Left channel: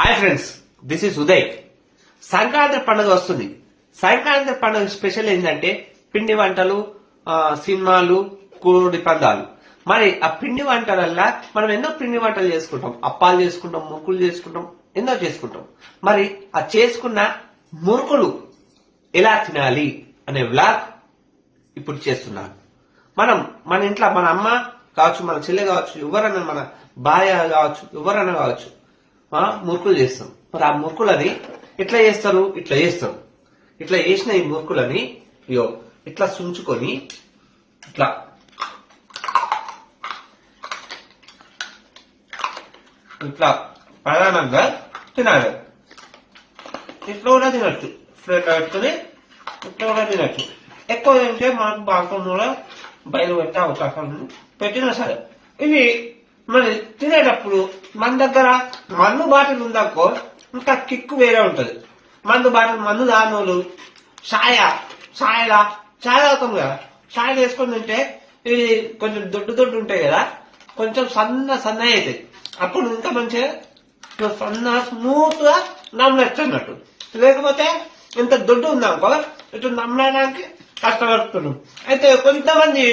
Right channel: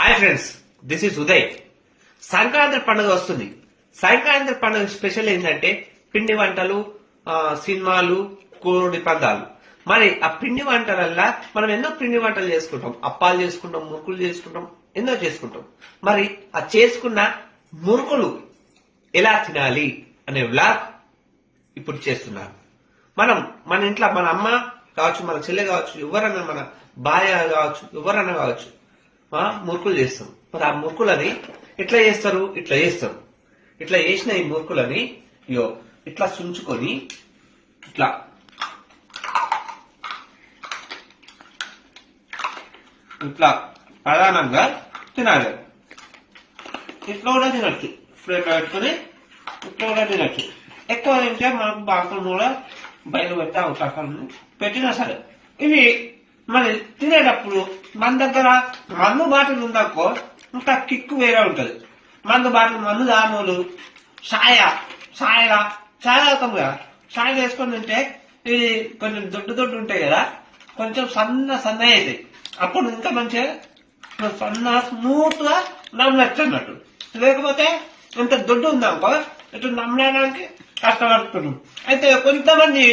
Hi friends, this is Uday. Sankranti పండుగ వస్తుంది. సంక్రాంతి పండుగ స్పెషల్ ఏంటంటే పిండి వంటలు, సినిమాలు, కోడి పందాలు. మరి ఆ పిండి వంటలల్లా మనం ఎన్నో పిండి వంటలు చేసుకుంటాం. అప్పాలు చేసుకుంటాం, మురుకులు చేసుకుంటాం, ఎన్నో చేసుకుంటాం. మరి ఆ చేసుకున్న మురుకులు ఎలా తినాలి అనే వ్లాగ్ ఇప్పుడు చేస్తున్నాను. మన ఇంట్లో మన అమ్మ కావచ్చు, మన చెల్లె కావచ్చు, ఎవరన్నా మన భార్య కావచ్చు, ఎవరన్నా కావచ్చు, మురుకులు చేస్తాం. మరి ఆ మురుకులని ఎట్లా చేస్తారు? ఇట్లా చేసిన ఈ మురుకులని ఇట్లా సుంచుకొని ఇట్లా ప్రధానంగా తినాలి. ఇట్లా కూడా తినచ్చు, ప్లేట్ పెట్టుకుని ఇట్లా కూడా తినచ్చు. ఎక్కువ తింటే మనకు బాత్రూమ్ కూడా బయలు పెట్టే అవకాశం పెట్టినా సరే. ఇవి మరి తినేటప్పుడు మన దగ్గర మందు బాటిల్ ఉందనుకో ఇంకా కిక్కు వేరే ఉంటది. మందు దానోళ్ళు ఛాయ్ అవుతాం కదా, ఛాయ్ వేసుకొని తింటే ఇవి కొంచెం దొడ్డు ఉంటాయి కదా, కొంచెం సన్న అవుతాయి. అప్పుడు ఇంకా మంచిగా సన్నగా స్మూత్ గా నమ్మనట్టు. లేకపోతే ఇంత దొడ్డు ఉందనుకో ఇట్లా నమ్మడానికి కష్టపడుతున్నాం. అయితే కొంతమంది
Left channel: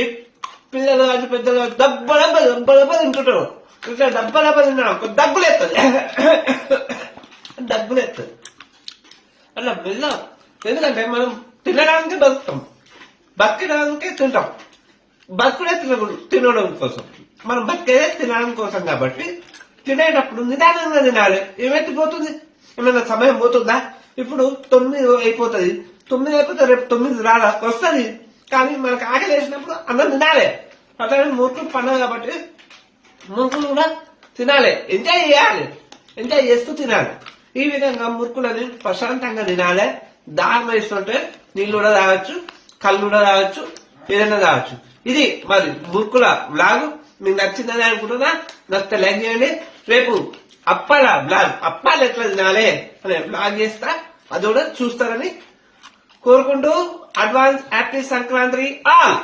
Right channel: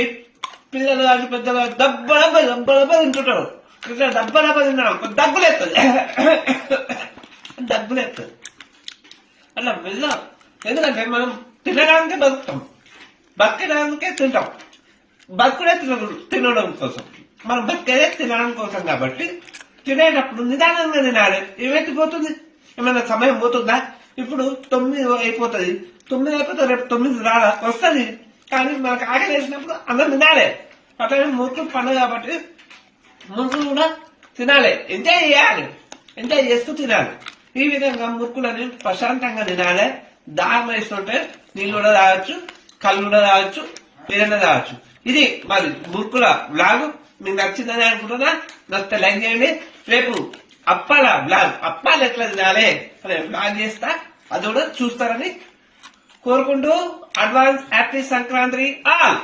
పిల్లలు కాదు పెద్దలు దెబ్బ తింటుంటారు. ఇట్లా దెబ్బ తిన్నాడు దగ్గులేస్తుంది అలా వెళ్ళాం. ఎందుకంటే మనం తినడానికి బతుకుతాం, బతికడానికే తింటాం. బతుకుడే తినడం కోసం, మనం బతికేదే తినడం కోసం. కాబట్టి తినేటప్పుడు నిదానంగా తినాలి. ఏమెత్తిపోతుంది? ఏమైనా సమయం పోతుందా? ఇప్పుడు 9 అయిపోతుంది. 9 అయిపోతే రేపు 9 వస్తుంది. కానీ మనకు ఆకలి వేసినప్పుడు అన్నం తినాలి. అట్లా మురుకులు పండుగ కాబట్టి మురుకులు కూడా తినాలి, ఎంజాయ్ చేయాలి, ఎంజాయ్ చేస్తూ తినాలి. ఈ విధంగా మురుకులని ప్రశాంతంగా తినాలి. దాహం వేస్తుంటే నీళ్ళు కూడా తాగొచ్చు, కళ్ళు కూడా తాగొచ్చు, ఏదైనా తాగొచ్చు. ఇది మరి మురుకుల వ్లాగ్ మీకు నచ్చిందని అనుకుంటున్నా. నచ్చితే లైక్ చేయండి. రేపు అప్పాల వ్లాగ్, అప్పాలు ఎట్లా తినాలి అనే వ్లాగ్ చేస్తా, అది కూడా చూస్తారని కోరుకుంటూ అడ్వాన్స్ హ్యాపీ సంక్రాంతి ఆల్.